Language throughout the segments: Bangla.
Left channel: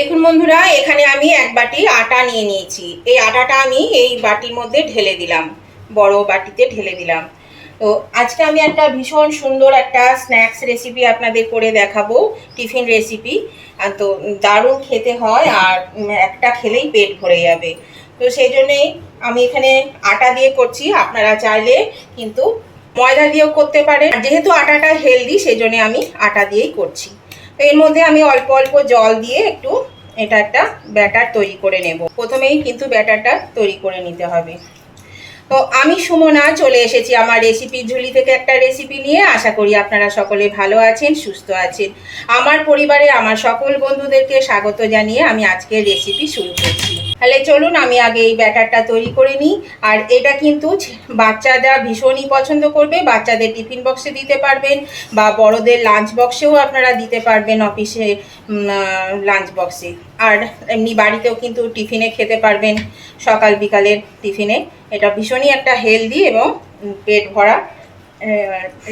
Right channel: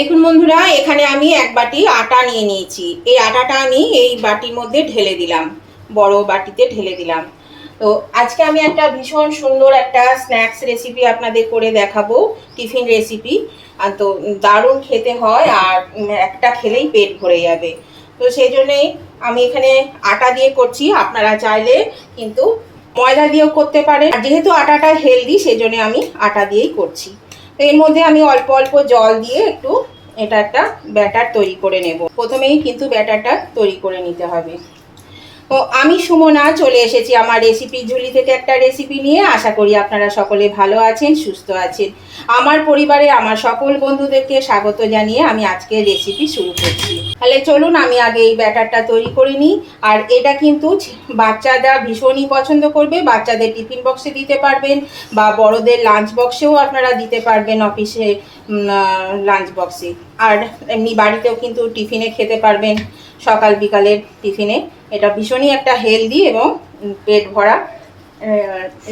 দেখুন বন্ধুরা, এখানে আমি এক বাটি আটা নিয়ে নিয়েছি। এই আটাটা আমি এই বাটির মধ্যে ঢেলে দিলাম, বড় বাটিতে ঢেলে দিলাম। তো আজকে আমি একটা ভীষণ সুন্দর একটা স্ন্যাক্স রেসিপি আপনাদের করে দেখাবো, টিফিন রেসিপি। আর তো দারুণ খেতে হয়, আর একটা খেলেই পেট ভরে যাবে। তো সেই জন্যেই আমি এখানে আটা দিয়ে করছি। আপনারা চাইলে কিন্তু ময়দা দিয়েও করতে পারেন, আর যেহেতু আটাটা হেলদি সেই জন্য আমি আটা দিয়েই করছি। এর মধ্যে আমি অল্প অল্প জল দিয়ে একটু এটা একটা ব্যাটার তৈরি করে নেব। প্রথমেই কিন্তু ব্যাটারটা তৈরি করে নিতে হবে। তো আমি সুমনা চলে এসেছি আমার রেসিপি ঝুলি থেকে একটা রেসিপি নিয়ে। আশা করি আপনারা সকলে ভালো আছেন, সুস্থ আছেন। আমার পরিবারে আমার সকল বন্ধুদেরকে স্বাগত জানিয়ে আমি আজকের রেসিপি শুরু করছি। তাহলে চলুন আমি আগে এই ব্যাটারটা তৈরি করে নিই। আর এটা কিন্তু বাচ্চারা ভীষণই পছন্দ করবে। বাচ্চাদের টিফিন বক্সে দিতে পারবেন, বা বড়দের লাঞ্চ বক্সেও আপনারা দিতে পারবেন, অফিসে লাঞ্চ বক্সে। আর এমনি বাড়িতেও কিন্তু টিফিনে খেতে পারবেন, সকাল বিকালের টিফিনে। এটা ভীষণই একটা হেলদি এবং পেট ভরা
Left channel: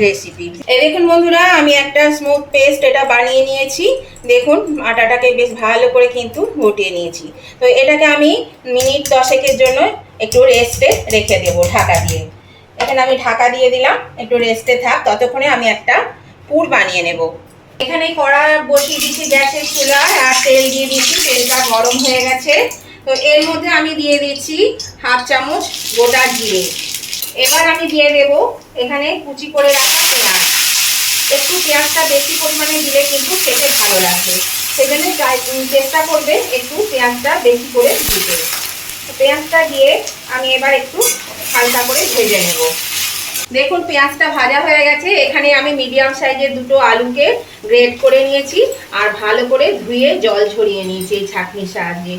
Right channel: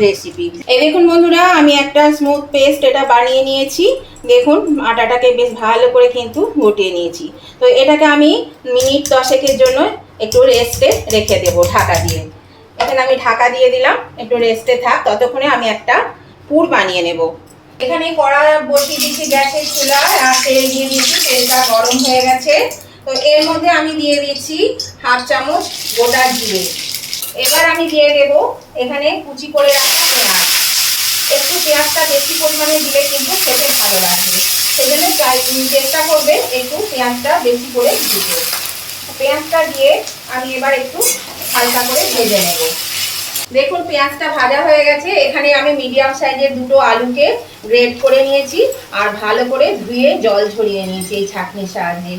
রেসিপি। এই দেখুন বন্ধুরা, আমি একটা স্মুথ পেস্ট এটা বানিয়ে নিয়েছি। দেখুন আটাটাকে বেশ ভালো করে কিন্তু গটিয়ে নিয়েছি। তো এটাকে আমি মিনিট 10 জন্য একটু রেস্টে রেখে দেবো ঢাকা দিয়ে। এখানে আমি ঢাকা দিয়ে দিলাম, একটু রেস্টে থাক। ততক্ষণে আমি একটা পুর বানিয়ে নেব। এখানে কড়া বসিয়ে দিচ্ছি গ্যাসের চুলায়, আর তেল দিয়ে দিচ্ছি। তেলটা গরম হয়ে গেছে। তো এর মধ্যে আমি দিয়ে দিচ্ছি হাফ চামচ গোটা জিরে। এবার আমি দিয়ে দেব এখানে কুচি করে রাখা পেঁয়াজ। একটু পেঁয়াজটা বেশি পরিমাণে দিলে কিন্তু খেতে ভালো লাগবে, সেজন্য চেষ্টা করবে একটু পেঁয়াজটা বেশি করে দিতে। পেঁয়াজটা দিয়ে আমি এবার একটু হালকা করে ভেজে নেব। দেখুন পেঁয়াজটা ভাজা হয়ে গেছে। এখানে আমি মিডিয়াম সাইজের দুটো আলুকে গ্রেট করে নিয়েছি, আর ভালো করে ধুয়ে জল ঝরিয়ে নিয়েছি এই ছাঁকনির সাহায্যে।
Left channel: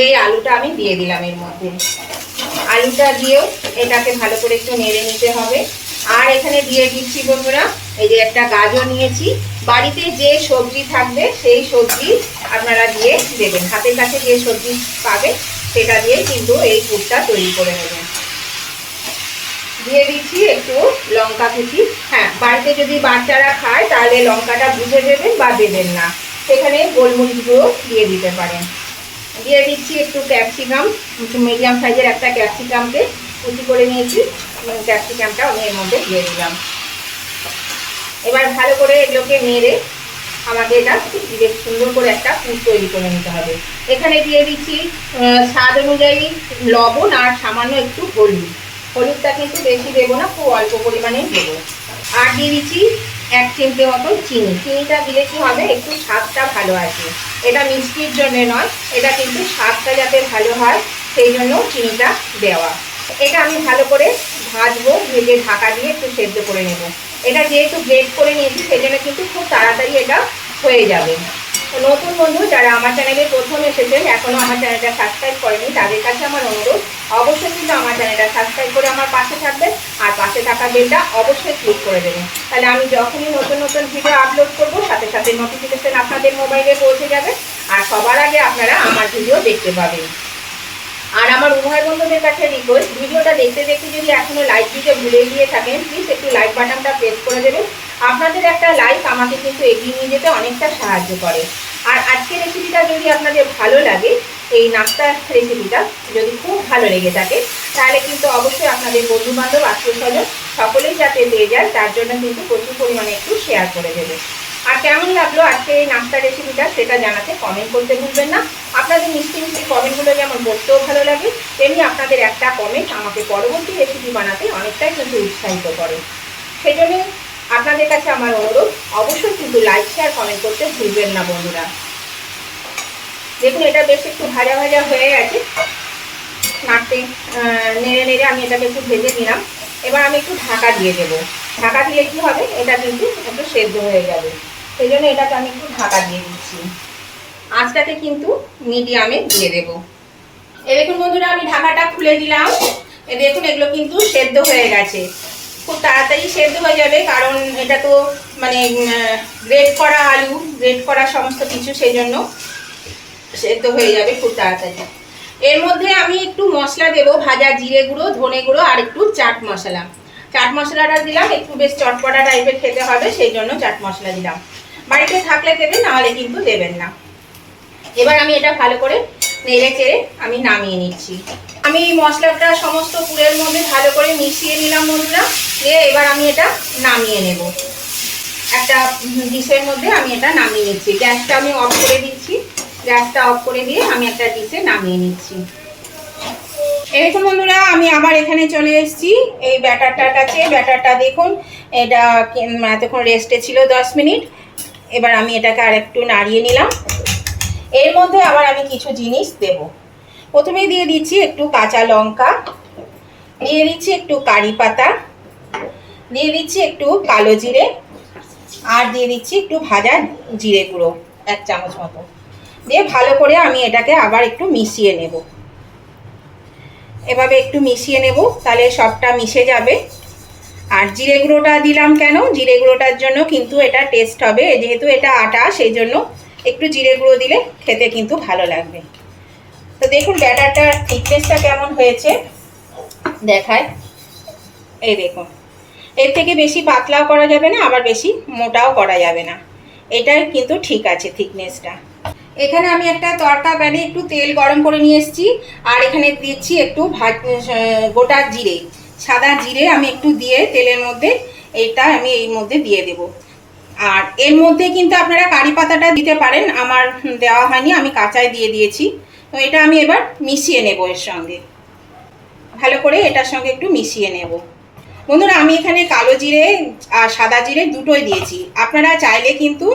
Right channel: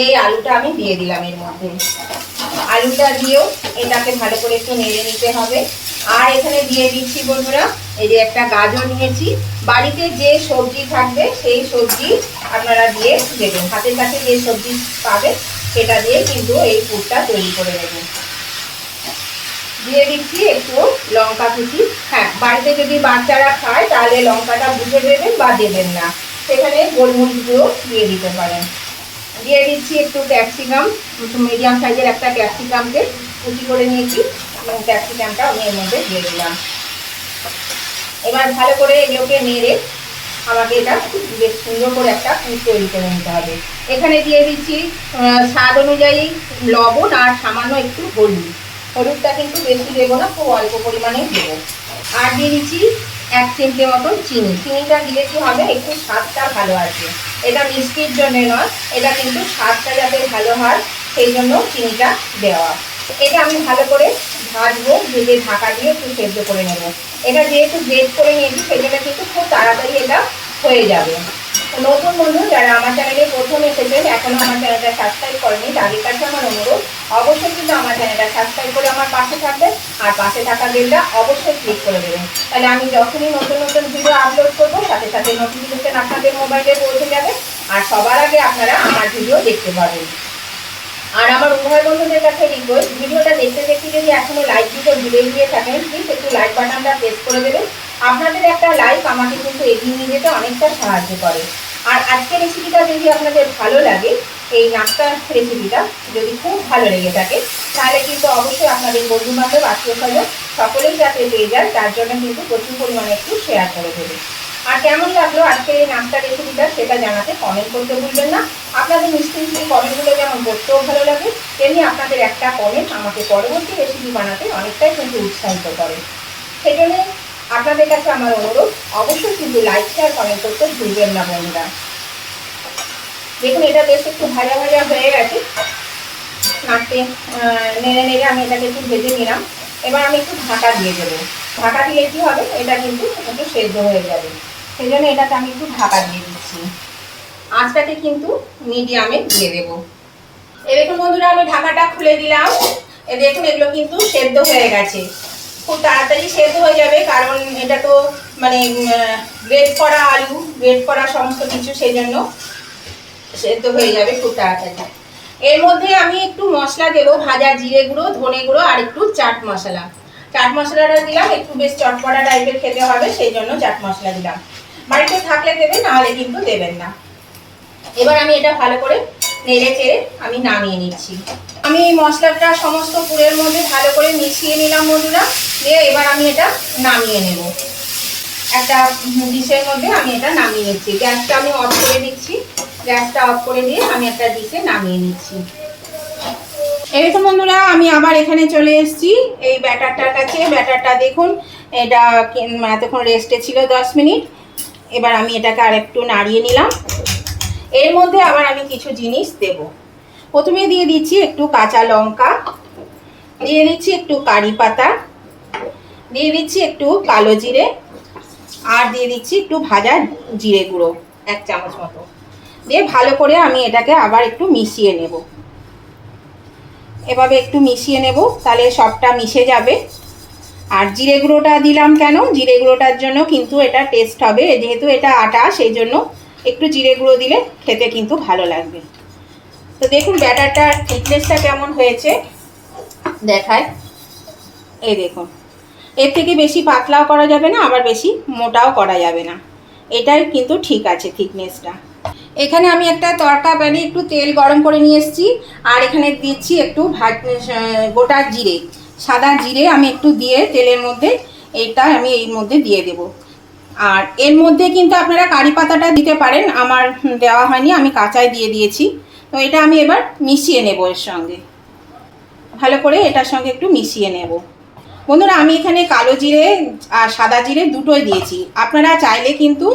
এই আলুটা আমি দিয়ে দিলাম এর মধ্যে। আলুটা দিয়েও এটাকে ভালো করে একটু নেড়ে নিতে হবে। আর এখানে দিয়ে দিচ্ছি বন্ধুরা, এই যে একটা গাজর নিয়েছি। বাড়িতে যে সবজি থাকবে সেই সবজি আপনারা দিয়ে দেবেন। হাতের কাছে যে সবজি পাবে সেটা দিয়ে কিন্তু এই পুরটা তৈরি করে নেবেন। দিয়ে দিচ্ছি একটু লঙ্কা কুচি। হ্যাঁ, বাড়িতে যদি বাচ্চারা খায় তাহলে লঙ্কাটা বুঝে দেবেন বা দেবেন না, সেখানে গোলমরিচ গুঁড়ো দিয়ে দিতে পারেন। দিয়ে দিচ্ছি একটু ক্যাপসিকাম, একটু মিডিয়াম সাইজের একটা ক্যাপসিকামকে কুচি করে নিয়েছি। ক্যাপসিকামটা আমি এর মধ্যে দিয়ে দিলাম। এবার ভালো করে এগুলোকে নেড়ে আমাকে এটা বেশ সুন্দর করে একটা পুর তৈরি করে নিতে হবে। এখানে দিয়ে দিচ্ছি স্বাদ অনুযায়ী লবণ, আর সামান্য একটু হলুদ। হলুদটা কিন্তু বেশি দেবো না, খুব অল্প পরিমাণে দেবো। আর দিয়ে দিচ্ছি 1 চিমটে মতো চিনি। চিনিটা দিলে কি হবে, একটু স্বাদটা ভালো আসবে। এটা মিষ্টির জন্য নয়, এটা কিন্তু স্বাদটা যাতে ভালো হয় সেই জন্য চিনিটা দেওয়া। এটা আমি ভালো করে ভাজবো, ভেজে ঢাকা দিয়ে একটু সেদ্ধ করে নেব। এটা যেহেতু গ্রেট করে নিয়েছি সেজন্য কিন্তু খুব তাড়াতাড়ি এটা হয়ে যাবে। তো নতুন বন্ধু যারা আমার চ্যানেলে প্রথম এসেছেন, এখনো আমার চ্যানেলটা সাবস্ক্রাইব করেনি, তাদের কাছে আমার অনুরোধ অবশ্যই কিন্তু আমার চ্যানেলটা সাবস্ক্রাইব করে আমার পাশে থাকবেন, আর পাশে থাকা বেলটা অবশ্যই ক্লিক করে দেবেন। তাহলে আমি যখনই নতুন নতুন ভিডিও আপলোড করবো সাথে সাথে নোটিফিকেশন আপনাদের মোবাইলে পৌঁছে যাবে, আর সবার আগে আপনারা আমার ভিডিও দেখতে পাবেন। আর আমার উভয় বন্ধুদের কাছে রিকোয়েস্ট, ভিডিওটা দেখতে দেখতে যদি এখনো লাইক দিতে ভুলে গিয়ে থাকেন, প্লিজ একটু লাইক বাটনটা প্রেস করে দেবেন। আপনাদের একটা লাইক আমাকে কিন্তু এগিয়ে নিয়ে যেতে অনেকটা সাহায্য করে। আর আজকের রেসিপিটা যদি আপনাদের ভালো লাগে, এই নাস্তার রেসিপিটা যদি খুব ভালো লেগে থাকে, তাহলে কিন্তু অবশ্যই আপনাদের বন্ধু বান্ধব, আত্মীয় স্বজন সকলেই যাতে পেয়ে যায়, তার জন্য কিন্তু প্রচুর পরিমাণে একটু শেয়ার করে দেবে। আর কেমন লাগলো আজকে এই নাস্তা রেসিপিটা সেটা জানাতে কমেন্ট করতে ভুলবেন না। আপনাদের মিষ্টি মিষ্টি কমেন্টগুলো যেমন পড়তেও ভালো লাগে, তেমনি আপনাদের একটা কমেন্ট আমাকে পরবর্তী রেসিপি বানাতে অনেকটাই কিন্তু উৎসাহিত করে। সেই জন্য আপনাদের কাছে আমার অনুরোধ, অবশ্যই কিন্তু লাইক শেয়ার কমেন্ট করতে ভুলবেন না বন্ধুরা। দেখুন এটা বেশ একটু ভাজা ভাজা হয়ে গেছে। নাড়তে নেড়ে নেড়ে আমি এটাকে একটু ভেজে নিলাম। এবার আমি একটু ঢাকা দিয়ে দেবো। ঢাকা দিলে কি হবে, এটা কিন্তু একটু সেদ্ধ হয়ে যাবে। সেই জন্য এটাকে আমি একটু ঢাকা দিয়ে দিচ্ছি। আঁচটাকে কিন্তু মিডিয়ামে দিয়ে দেবো। দেখুন বন্ধুরা, আমি ঢাকাটা খুলে দিলাম। দেখুন এগুলো কিন্তু সেদ্ধ হয়ে গেছে, খুব তাড়াতাড়ি সেদ্ধ হয়ে যাবে, কারণ এটা তো মানে গ্রেট করা আলু, গ্রেট করা সমস্ত কিছু, সেই জন্য সেদ্ধ হয়ে যাবে খুব তাড়াতাড়ি। এর মধ্যে আমি একটু মশলা দেবো, ভাজা জিরে গুঁড়ো, ধনে গুঁড়ো, আর একটু চাট মশলা। চাট মশলাটা দিলাম, একটু বেশ চটপটা টাইপের খেতে হবে সেই জন্য চাট মশলা দিলাম। বাড়িতে থাকলে দেবেন, নাহলে কিন্তু দেবেন না। এবার আমি এটা ভালো করে নেড়ে চেড়ে আমি নামিয়ে নিচ্ছি। আমি মশলাটা সমস্ত পুরের মধ্যে ভালো করে মিশিয়ে নিলাম বন্ধুরা। দিয়ে এবার আমি এটা নামিয়ে নেব। একটা ডিশের মধ্যে আমি এটা নামিয়ে নিচ্ছি। গ্যাসটা আমি অফ করে দিচ্ছি। গ্যাসটা অফ করে দিয়ে আমি একটা ডিশে নামিয়ে নিচ্ছি। এরকম বন্ধুরা আমি আবার এখানে চলে এসেছি এই ব্যাটারটার কাছে। ব্যাটারটা দেখুন, এটা এতক্ষণ রেস্টে ছিল 10 মিনিট। এবার আমি এটাকে আর একটু নাড়িয়ে নিলাম। এর মধ্যে আবার আমি কিছু জিনিস দেব। প্রথমে দিয়ে দিচ্ছি একটু কাঁচা লঙ্কা, দিয়ে দিচ্ছি একটু কারি পাতা, দিয়ে দিচ্ছি একটু কালো জিরে, আর দিয়ে দিচ্ছি একটু ভাজা জিরে গুঁড়ো 1 চামচ মতো। দিয়ে ভালো করে আমি এটাকে আবার একটু মিশিয়ে নেব। এভাবে একটু মিশিয়ে নেব, তাহলে সবটা মিশে যাবে। আর জিরে গুঁড়োটা দিলাম কেন? জিরে গুঁড়োটার জন্য কিন্তু এটা টেস্ট হবে, যেহেতু এটা আটা সেই জন্য একটু জিরে গুঁড়ো দিলে খেতে কিন্তু ভালো লাগবে। তো দেখুন ব্যাটারটার থিকনেসটা কেমন হয়েছে দেখায়। এই দেখুন, এর থেকে বেশি পাতলাও করা যাবে না, আবার বেশি মোটাও করা যাবে না। এটাই কিন্তু ঠিক আছে থিকনেসটা। এখানে আমি একটা তড়কা প্যানে একটু তেল গরম করে নিয়ে এসেছি। আর এখানে দিচ্ছি একটু গোটা জিরে, সাদা জিরে আমি একটু দিয়ে তেলের মধ্যে এটা আমি এই মধ্যে দিয়ে দেব। আর এর মধ্যে কিন্তু আপনারা কারি পাতাটা দিতে পারেন, আমার দেওয়া হয়নি, আমি কাঁচাই দিয়ে দিয়েছি। তো এটা আমি এবার মিশিয়ে নেব এর সঙ্গে, ভালো করে এটার সঙ্গে একটু মিশিয়ে নেব। বন্ধুরা আমি এখানে কালো জিরে আর সাদা জিরে দুটোই দিয়েছি, আপনারা চাইলে কিন্তু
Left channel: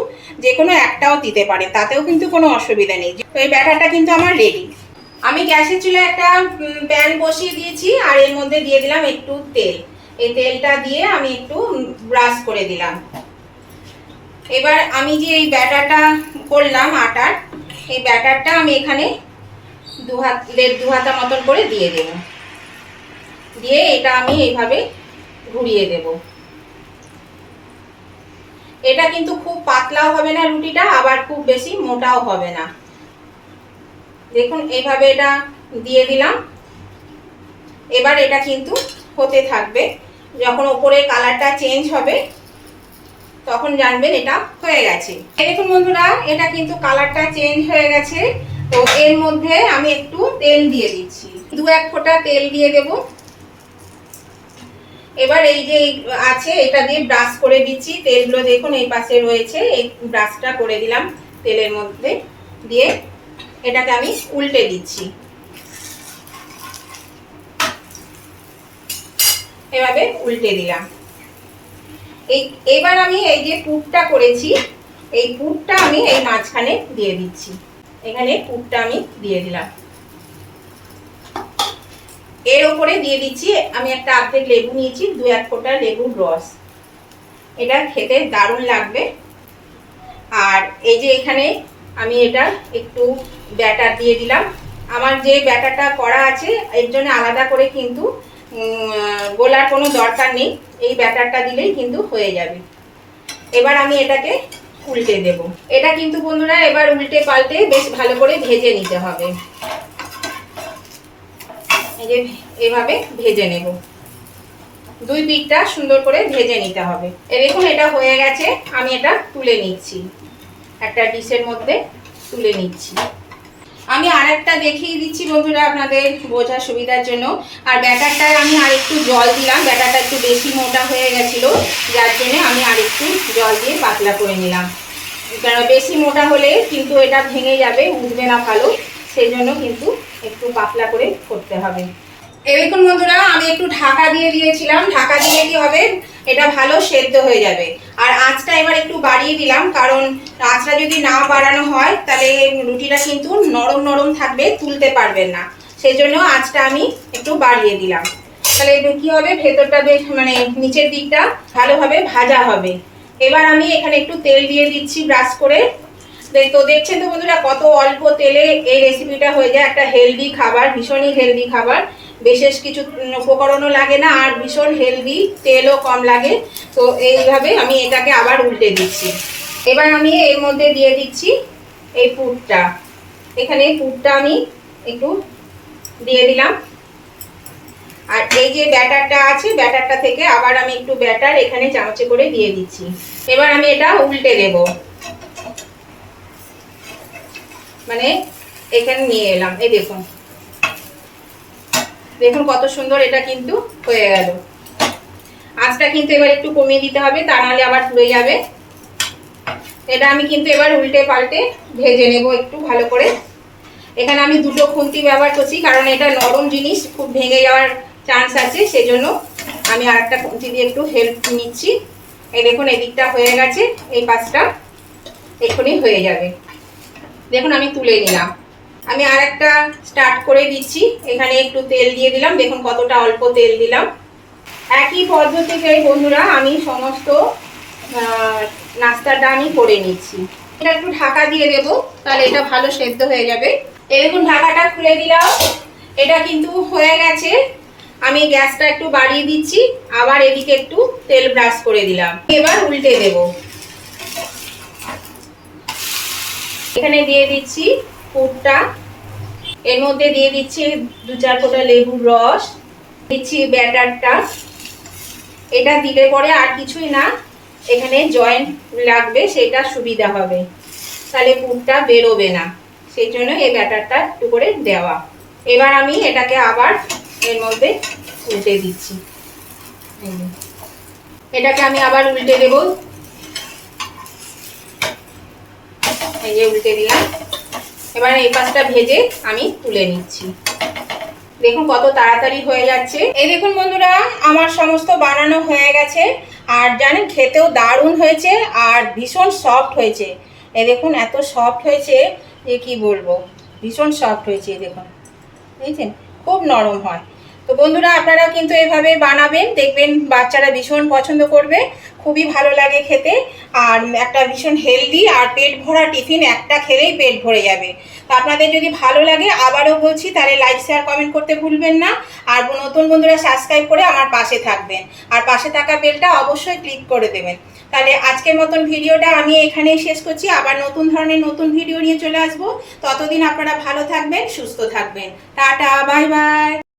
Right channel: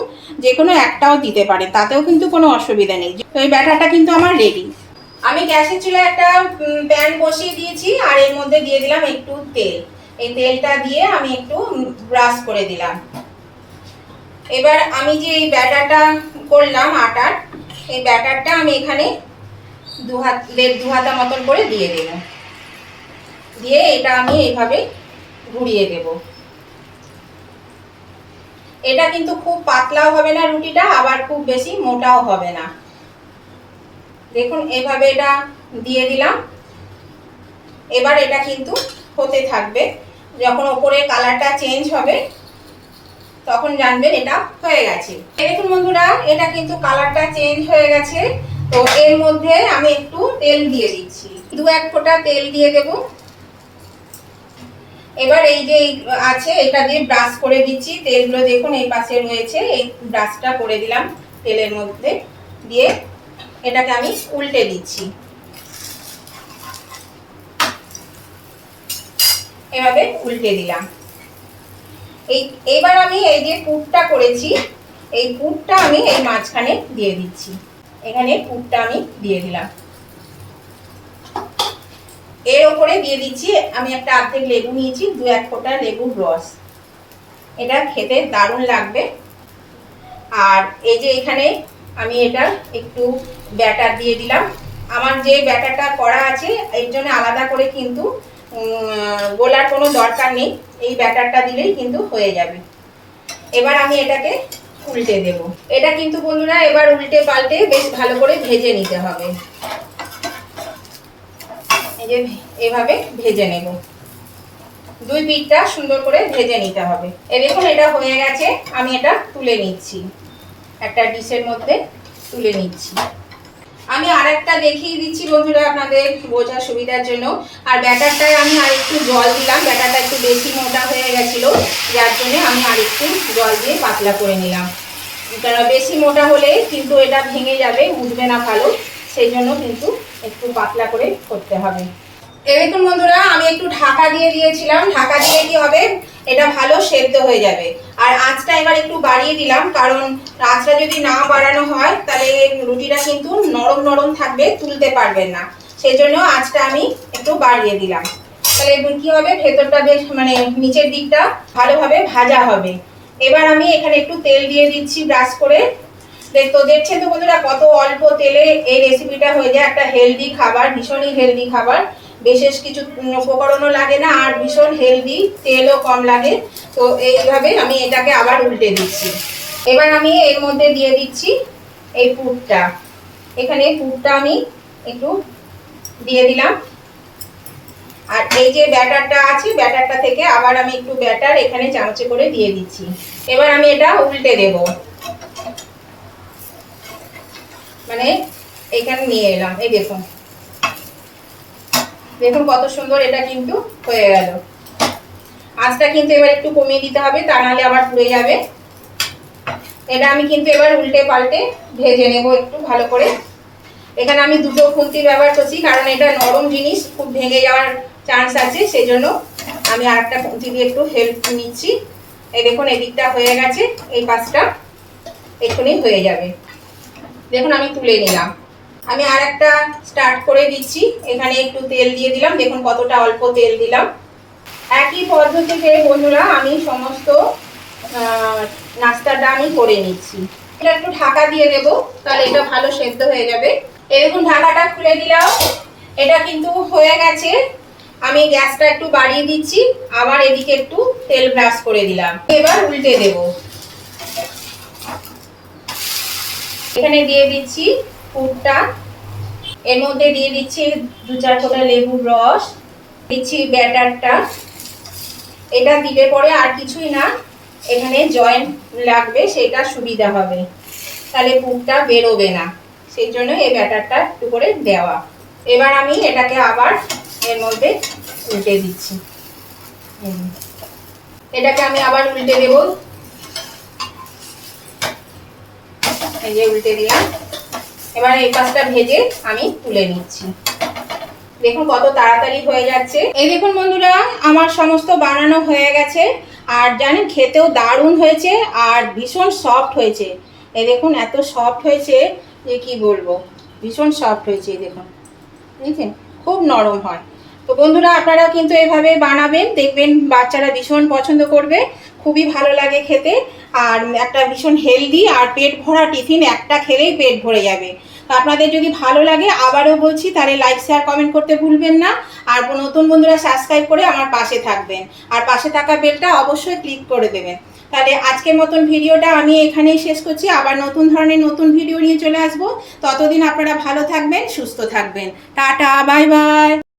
যে কোনো একটাও দিতে পারেন, তাতেও কিন্তু কোনো অসুবিধা নেই। তো এই ব্যাটারটা কিন্তু আমার রেডি। আমি গ্যাসের চুলায় একটা প্যান বসিয়ে দিয়েছি, আর এর মধ্যে দিয়ে দিলাম একটু তেল। এই তেলটা দিয়ে আমি একটু ব্রাশ করে দিলাম। এবার আমি যে এই ব্যাটারটা করলাম আটার, এই ব্যাটারটা আমি এখানে দু হাতা মতন করে দিয়ে দেব। দিয়ে এটা আমি এইভাবে ঘুরিয়ে দেব। এটা কিন্তু খুব পাতলাও হবে না রুটিটা, আবার খুব বেশি মোটাও হবে না। দেখুন এইভাবে এটা দিয়ে দিলাম। এবার এটা কিন্তু হতে থাকবে, যখন ওপরের কালারটা চেঞ্জ হবে তখন জানবেন এটা হয়ে গেছে। দেখুন বন্ধুরা এটা কিন্তু কালারটা চেঞ্জ হয়ে গেছে। তো এর মধ্যে আমি একটু তেল দিয়ে দিচ্ছি, 2-1 ফোঁটা তেল দিয়ে দেব। এবার এই যে আছে এটা দিয়ে ব্রাশ করে দিচ্ছি। তেলগুলো দেখুন এই পাশে রয়েছে, এই ব্রাশটা করে দিলাম তেলের মধ্যে। দিয়ে এটাকে আমি উল্টে দিচ্ছি, এভাবে উল্টে দিলাম। এবার আমি এই যে পুরটা করেছি, এই পুরটা আমি এই মাঝখানে দিয়ে দিচ্ছি। এখানে পুরটা আমি দিয়ে দিলাম। এর উপরে দিয়ে দিচ্ছি আমি একটা অর্ধেক লেবু নিয়েছি, 2-1 ফোঁটা লেবুর রস। এটা খেতে দারুণ লাগবে। আর এই যে এখানে আমি এটা একটু ব্যাটার দিয়ে দিলাম। আমার যে ব্যাটারটা করা আছে এর জন্য আলাদা করে কিন্তু গোলার কোনো দরকার নেই, এই ব্যাটারটা দিলেই কিন্তু হয়ে যাবে। এবার আমি এটাকে উল্টে দেব। এটা কিন্তু বন্ধুরা এবার উল্টে পাল্টে বেশ ভালো করে ভেজে নিতে হবে। এই যে এভাবে ভেজে নেব, 2 পিঠটা সুন্দর করে ভেজে নিতে হবে। দেখুন এটা হয়ে গেছে, আমি এটা তুলে নিচ্ছি, একটা ডিশের মধ্যে তুলে নিচ্ছি। আমি আরেকটা দেখিয়ে দিচ্ছি বন্ধুরা আপনাদের বোঝার সুবিধার জন্য। আর ব্যাটারটায় আমি আরেকটু জল দিলাম, ব্যাটারটা একটু বেশি মোটা হয়ে গেছিল, যার জন্য আমি আরেকটু জল দিয়ে পাতলা করে নিলাম। কারণ বেশি মোটা হলে কিন্তু এটা ভেঙে যাবে, বুঝবে না ভালো, সেই জন্য কিন্তু একটু পাতলা করে করতে হবে। দেখুন বন্ধুরা আমি একটু ঢাকা দিয়ে দিয়েছিলাম, ঢাকা দিলে কি হবে এটা ভালো সেদ্ধ হয়ে যাবে। আর আঁচটা এবার একটু বাড়িয়ে দিলাম, কারণ আঁচটা যদি না বাড়ানো হয় তাহলে রুটিটা কিন্তু নরম নরম থাকবে, তুলতে পারবেন না, সেই জন্য আঁচটা আমি একটু বাড়িয়ে দিলাম। তাহলে কি হবে, ভেতরটা বেশ মানে নিচের দিকটা ভালোভাবে ভাজা হবে। এবার আমি এখানে একটু তেল দিয়ে দিচ্ছি ব্রাশ করে। তো দেখছেন তো বন্ধুরা কত অল্প তেলে এই রেসিপিটা হয়ে যায়। একটা হেলদি খাবার, ভীষণই হেলদি খাবার, বিশেষ কিছু উপকরণও লাগে না, আর ভীষণ হেলদি, তেলও কম লাগে। তো এইভাবে আমি এটাকে আবার উল্টে দিচ্ছি। এবার আমি এর মধ্যে দিয়ে দিচ্ছি এই পুরটা। এখানে পুরটা আমি একটু দিয়ে দিলাম। আর এই যে ব্যাটারটা আছে, ব্যাটারটা থেকে আবার আমি একটু ব্যাটার এখানে চামচে করে দিয়ে দিচ্ছি। এবার আমি এটা উল্টে দেব, মানে এখানে নিয়ে এলাম। এই দেখুন, দেখুন কত সুন্দর এটা কিন্তু হয়ে গেল। আঁচটা কিন্তু এবার একটু কমিয়ে দিতে হবে, তা নাহলে আবার পুড়ে যাবে। এটা আমি কিন্তু এবার উল্টে পাল্টে ভেজে নেব একটু ভালো করে। এখানে আমি দুটো খুন্তি ব্যবহার করছি, কারণ এটা নরম জিনিস, খুব ভেঙে যাওয়ার চান্স আছে, সেজন্য আমি আরেকটা খুন্তি দিয়ে একটু হেল্প নিচ্ছি। এই দেখুন এদিকটা হয়ে গেছে, এই পাশটা এক্ষুনি হয়ে যাবে। দেখুন আমি তুলে নিলাম। আমি আরেকটা স্টার্ট করে দিচ্ছি। এখানে একটু তেল দিয়ে দিলাম, দেখুন কতটা অল্প তেল দিলাম। একই পদ্ধতিতে বন্ধুরা আমি সমস্ত নাস্তাটা আমি করে নিচ্ছি। এটা একটু ঢাকা দিয়ে দেব, তাহলে এটা ভালো সেদ্ধ হয়ে যাবে। এই দেখুন ঢাকাটা খুলে দিলাম, এটা কিন্তু হয়ে গেছে। আমি গ্যাসটা একটু বাড়িয়ে দিচ্ছি, আবার এদিকে একটু তেল ব্রাশ করে দিলাম। এবার উল্টে দেব। এখানে দিয়ে দিচ্ছি পুরটা, এর মধ্যে দিয়ে দিচ্ছি 2-4 ফোঁটা লেবুর রস, দিচ্ছি ব্যাটারটা। এটা দিলে পরে আর কিছুই না, এখানে জয়েন্ট লাগবে, সেটা সুবিধা হবে, তাহলে পুরটা বেরোবে না, সেই জন্য এই ব্যাটারটা একটু করে দেওয়া। এবার আমি এটাকে আবার এর মধ্যে উল্টে দিচ্ছি। এটাকে আমি আবার উল্টে দেব। এই যে উল্টে দিলাম। এবার এই পাশটা ভেজে আমি তুলে নিচ্ছি। দেখুন কত তাড়াতাড়ি হয়ে যাচ্ছে। এই দেখুন বন্ধুরা, আমার সমস্ত বানানো হয়ে গেছে, আর জানেন খেতেও দারুণ হয়েছে আর ভীষণ সফট হয়েছে। এই দেখুন এত সফট হয়েছে যে কি বলবো, ভীষণ সফট হয়েছে। দেখুন বুঝছেন, খুব নরম হয়। তো বন্ধুরা আপনারাও কিন্তু এভাবে বানাবেন, দেখবেন বাচ্চারা ভীষণ পছন্দ করবে, খুবই ভালো লাগে খেতে, আর একটা ভীষণ হেলদি আর পেট ভরা টিফিন, একটা খেলেই পেট ভরে যাবে। তো আপনাদের যদি ভালো লাগে, আবারও বলছি, তাহলে লাইক শেয়ার কমেন্ট করতে ভুলবেন না। আর নতুন বন্ধুরা সাবস্ক্রাইব করে আমার পাশে থাকবেন, আর পাশে থাকা বেলটা অবশ্যই ক্লিক করে দেবেন। তাহলে আজকের মতন ভিডিওটা আমি এখানেই শেষ করছি, আবার নতুন ধরনের নতুন ভিডিও নিয়ে চলে আসবো। ততদিন আপনারা ভালো থাকবেন, সুস্থ থাকবেন। Tata, bye bye.